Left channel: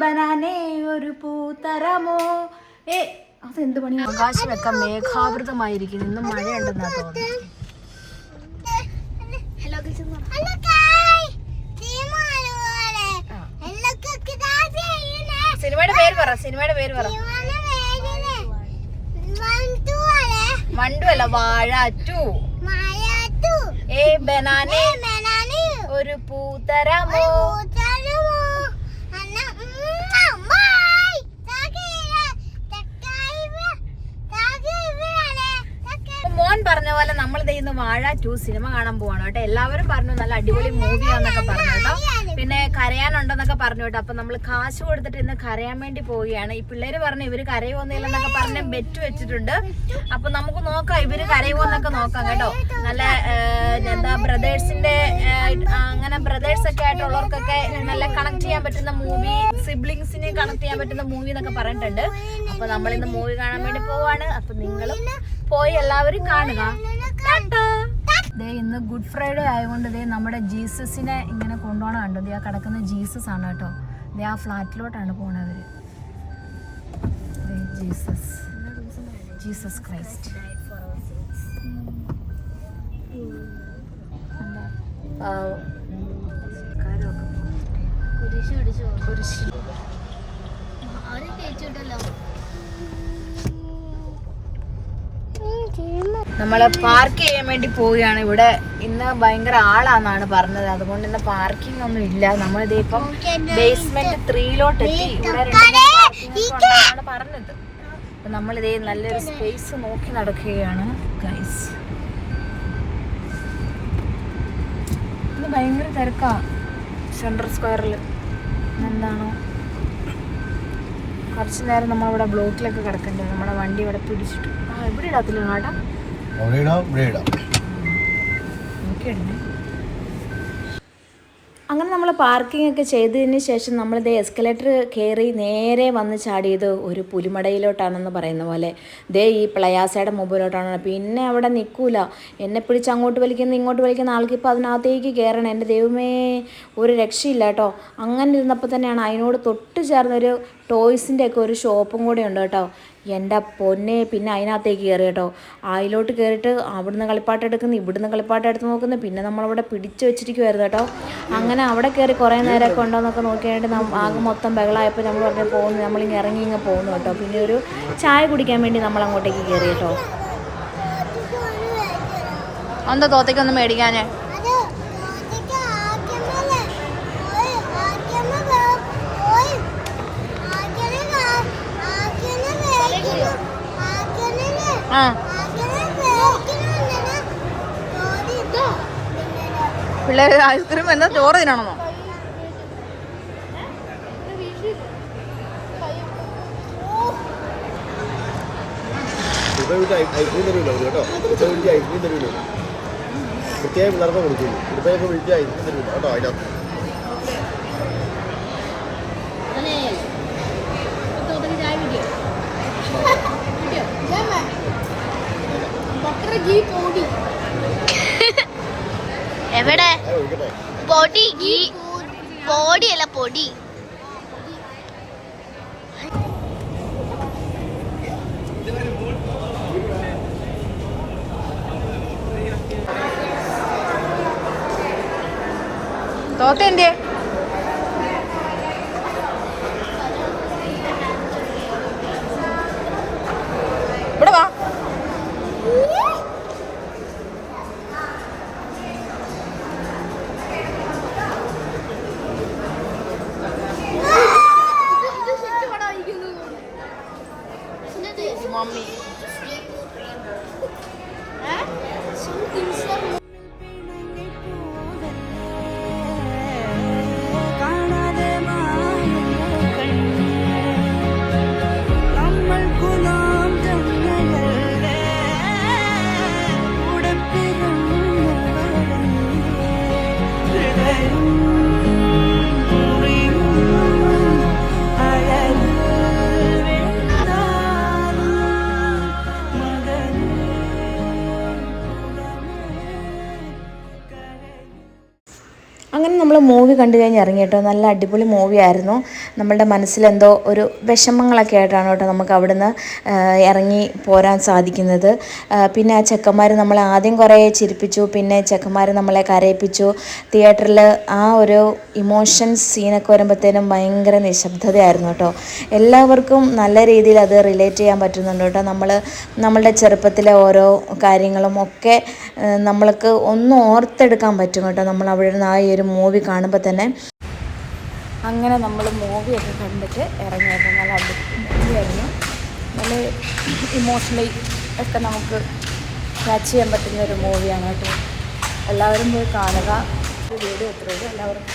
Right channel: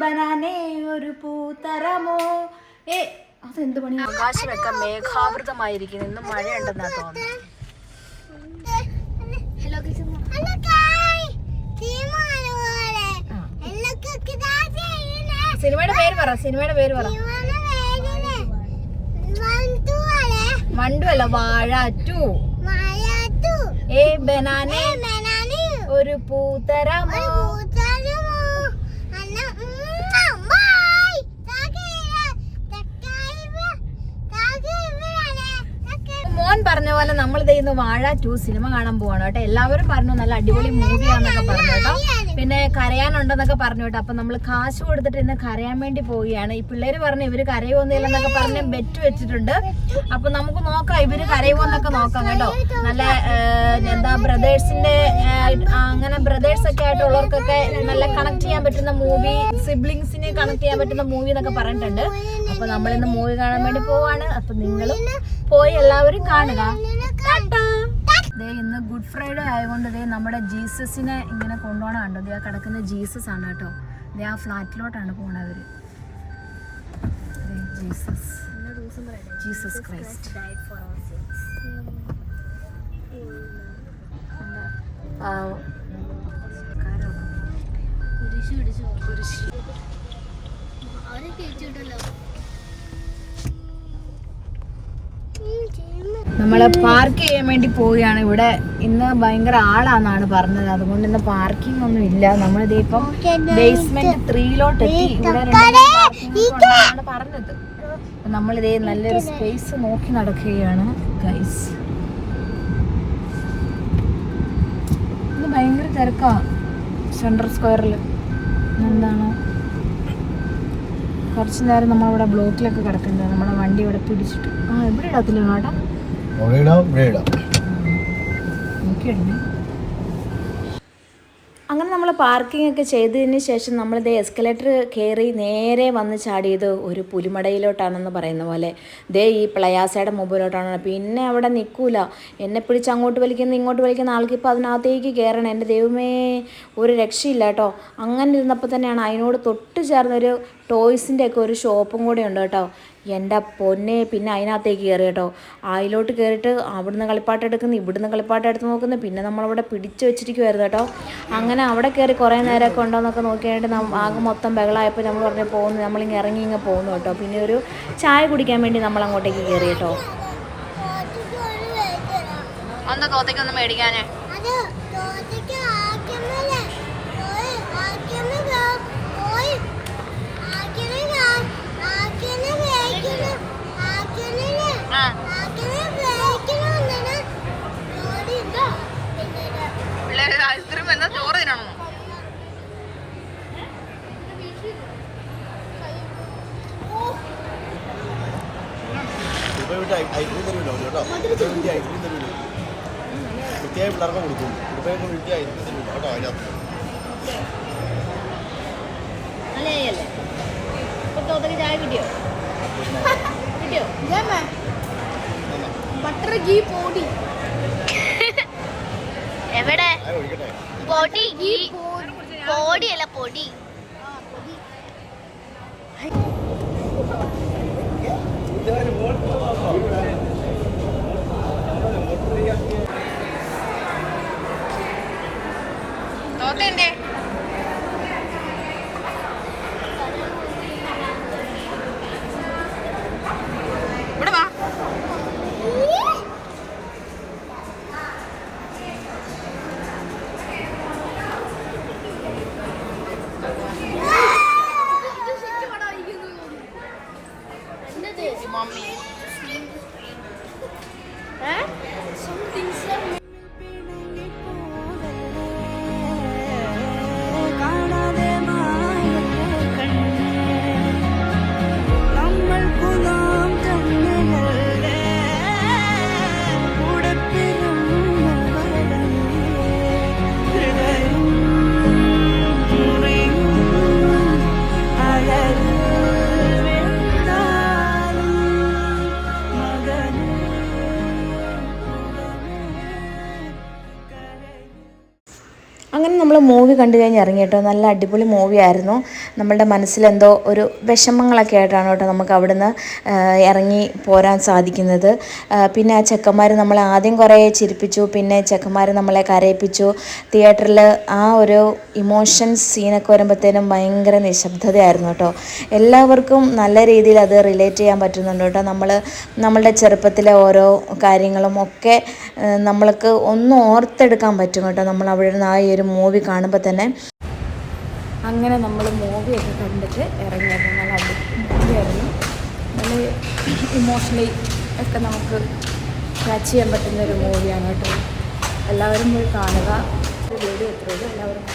ബനാനെ ഒരു പൂത്തരമോ. അതെന്ത് പണി? ആകാശമൊക്കെ മേഘാവൃതമായിരിക്കുന്നു. ഇന്നും മഴയുണ്ടെന്നാ തോന്നുന്നു. സിനിമയുടെ പേര് പറ. മണ്ടു അല്ല, വാഴ 2. ബനാനെ ഒരു പൂത്തരമോ. മോൻ പറഞ്ഞ പോലെ നമ്മളിത് ഇന്ന് വാഴ 2 സിനിമ കാണാൻ പോവാണ് കേട്ടോ. എല്ലാവരും പറഞ്ഞു നല്ല അടിപൊളി മൂവിയാന്നൊക്കെ പറഞ്ഞു കേട്ടോ. പിന്നെ കരയാനുണ്ടെന്നൊക്കെ പറഞ്ഞു കേട്ടോ. അപ്പൊ നമ്മൾ കാശ് കൊടുത്തിട്ട് ഇന്ന് കരയാൻ വേണ്ടി പോവുകയാണ്. ഈ പിള്ളേര് പറഞ്ഞു ഇവര് കരയുമൊന്നുമില്ലെന്നൊക്കെ പറഞ്ഞ് ബെറ്റ് വെച്ചിട്ടുണ്ട്. അപ്പൊ നമുക്ക് നോക്കാം ഇവര് കരയുമോന്നൊക്കെ നോക്കാം കേട്ടോ. നല്ല എന്താ ബ്രദേഴ്സിന്റെ അങ്ങനെ ബ്രദേഴ്സ് ഒക്കെ ആയിട്ടുള്ളവർക്കൊക്കെ നല്ല കണക്ട് ചെയ്യാൻ പറ്റുന്ന മൂവി, സിബ്ലിങ്സിനെ കണക്ട് ചെയ്യാൻ പറ്റുന്ന മൂവി എന്നൊക്കെ പറഞ്ഞിട്ടുണ്ട്. അപ്പൊ നമ്മളിന്ന് മൂവി കാണാൻ വേണ്ടി പോവാണ്. അപ്പൊ നിങ്ങളും പോയി എല്ലാവരും കാണുക. ഇന്ന് ഗുഡ് ഫ്രൈഡേ ആയതുകൊണ്ട് നമ്മുടെ ജീസസിനെ ഇങ്ങനെ കൊണ്ടുപോകണം കണ്ടോ. ആ കിടക്കുന്ന ജീസസ് ആണ് കേട്ടോ. ആ ഫ്ലാറ്റിലോട്ടാണ് പോണവര്. Jesus Christ. നമ്മള് പാർക്ക് ചെയ്യാൻ വേണ്ടി പോവുകയാണ്. ഇവിടെ ഇന്ന് ഭയങ്കര ആളാന്നാണ് പറഞ്ഞത്. അതുകൊണ്ട് ഇന്ന് പാർക്കിംഗ് ഒന്നും ഇല്ല. നമ്മളിത് ഇപ്പം ബേസ്മെന്റ് 3 എത്തി. ഇവിടെ 2 പാർക്കിംഗ് ഉണ്ടെന്നാണ് പറഞ്ഞത്. അപ്പൊ നമ്മളിതേ നല്ലൊരു സ്പേസ് നോക്കി നടക്കുകയാണ് ഗൈസ്. ഇത് ഭയങ്കര തിരക്കാ സെൻട്രൽ സ്ക്വയറിൽ. എന്താണോ കുറച്ചു നേരം നമ്മളിവിടെ ബ്ലോക്കിലൊക്കെ കിടക്കണ്ടേ. നമ്മുടെ വണ്ടി ഇവിടെ പിടിച്ചിട്ട് ഇവിടെ ഇടത്തില്ല കേട്ടാ. അങ്ങനെ നമ്മൾ പാർക്കിംഗ് ഒക്കെ ചെയ്തതിന് ശേഷം നമ്മളിത് എസ്കലേറ്റർ കയറി നേരെ വന്ന് ചാടിയത് ഒരു പുലിമടയിലോട്ടാണെന്ന് പറയുന്ന പോലെ. ഈ പ്ലയാസയുടെ മുമ്പിലോട്ടാണ്. പിന്നെ അവിടെ നിൽക്കൂല. എന്നെ പിടിച്ച് അങ്ങോട്ട് വലിക്കുന്ന ഇങ്ങോട്ട് വലിക്കുന്ന ആൾക്ക് ഇപ്പോൾ അതിനകത്തേക്ക് കയറണം. എൻ്റെ ദൈവമേ, ഒരു രക്ഷയില്ല കേട്ടോ. അങ്ങനെ ഇരുന്നപ്പോൾ തന്നെയാണ് അതിനോട് തൊട്ട് ചേർന്നൊരു ടോയ്സിൻ്റെ ഒക്കെ ഒരു ഷോപ്പും കൂടെ ഉണ്ട് കേട്ടോ. എൻ്റെ പൊന്നെ, പിന്നെ അതിനകത്തേക്ക് കയറി കേട്ടോ. അതിലോട്ട് കയറിയിട്ട് അവിടുന്ന് കളിപ്പാട്ടം എടുക്കുന്നു, ഇവിടുന്ന് കളിപ്പാട്ടം എടുത്ത് നോക്കുന്നു. പിന്നെ നമ്മളവിടെ പിടിച്ച് വെച്ചിരിക്കുമായിരുന്നു കേട്ടോ. അങ്ങനെ അവിടെ കയറി കുറേ നേരമൊക്കെ ഉണ്ടോയെന്നൊക്കെ നോക്കിയായിട്ട് ആകെ മൊത്തം ബഹളമായപ്പോൾ നമ്മൾ പറഞ്ഞ് പോകുന്നു. നമ്മളിങ്ങനെ ഇറങ്ങി ഇങ്ങനെ പോകുന്നു കേട്ടോ. പിന്നെ ഒരു ചായ കുടിക്കാൻ വേണ്ടി നമ്മൾ അങ്ങോട്ടേക്ക് കയറി കേട്ടോ. എന്താ തോത്തേക്കൊന്നും മേടിക്കാനേ? പിള്ളേര് ഐസ്ക്രീം എന്നാ ചോറ് തിന്നണമെന്നോ? ചായ കിട്ടിയോ? എവിടെ പൊടി? പൊടിയല്ല, പൊടി. തോക്കണ്ടേ? ഇവിടെ വാ. Mommy. Something's മൂവി കണ്ടു കഴിഞ്ഞ് ഇറങ്ങി കേട്ടോ. നല്ല അടിപൊളി മൂവിയായിരുന്നു. നമ്മളുടെ മനസ്സിലെന്തോ ഒരു വിഷമങ്ങളൊക്കെ ആയിട്ടാണ് കേട്ടോ നമുക്ക് അവിടുന്ന് ഇറങ്ങി പോരാൻ സാധിക്കുന്നത്. പിന്നെ ആ ചെക്കന്മാർ നമ്മളെ ആദ്യം കുറേ ചിരിപ്പിച്ചു, പിന്നെ ചെക്കന്മാർ നമ്മളെ കരയിപ്പിച്ചു. തിയേറ്ററിൽ ആ ഒരു ഇമോഷൻസ് സീനൊക്കെ വരുമ്പോഴത്തേനും ഭയങ്കര നിശബ്ദതയായിരുന്നു കേട്ടോ. എല്ലാവർക്കും നല്ല രീതിയിൽ അത് റിലേറ്റ് ചെയ്യാൻ പറ്റുന്നുണ്ട് കേട്ടോ. നമ്മളുടെ ചെറുപ്പത്തിലെ ഓരോ കാര്യങ്ങളും ഒക്കെ നമ്മൾക്ക് ഒന്ന് ഓർത്തെടുക്കാൻ പറ്റും കേട്ടോ. നമ്മൾ അവിടെ നിന്ന് ആ ഒരു മൂവി കാണുമ്പോൾ തന്നെ. അങ്ങനെ നമ്മൾ മൂവിയൊക്കെ കണ്ടിട്ട് ഇറങ്ങിയത് നല്ല അടിപൊളി മൂവിയായിരുന്നു. നല്ല ഇമോഷണലി ഒക്കെ നമുക്ക് ക്യാച്ച് ചെയ്യാൻ പറ്റുന്നൊരു മൂവിയാണ് കേട്ടോ. എല്ലാവരും പോയി കാണുക. വീഡിയോ എത്രയുള്ളൂ എല്ലാവരും.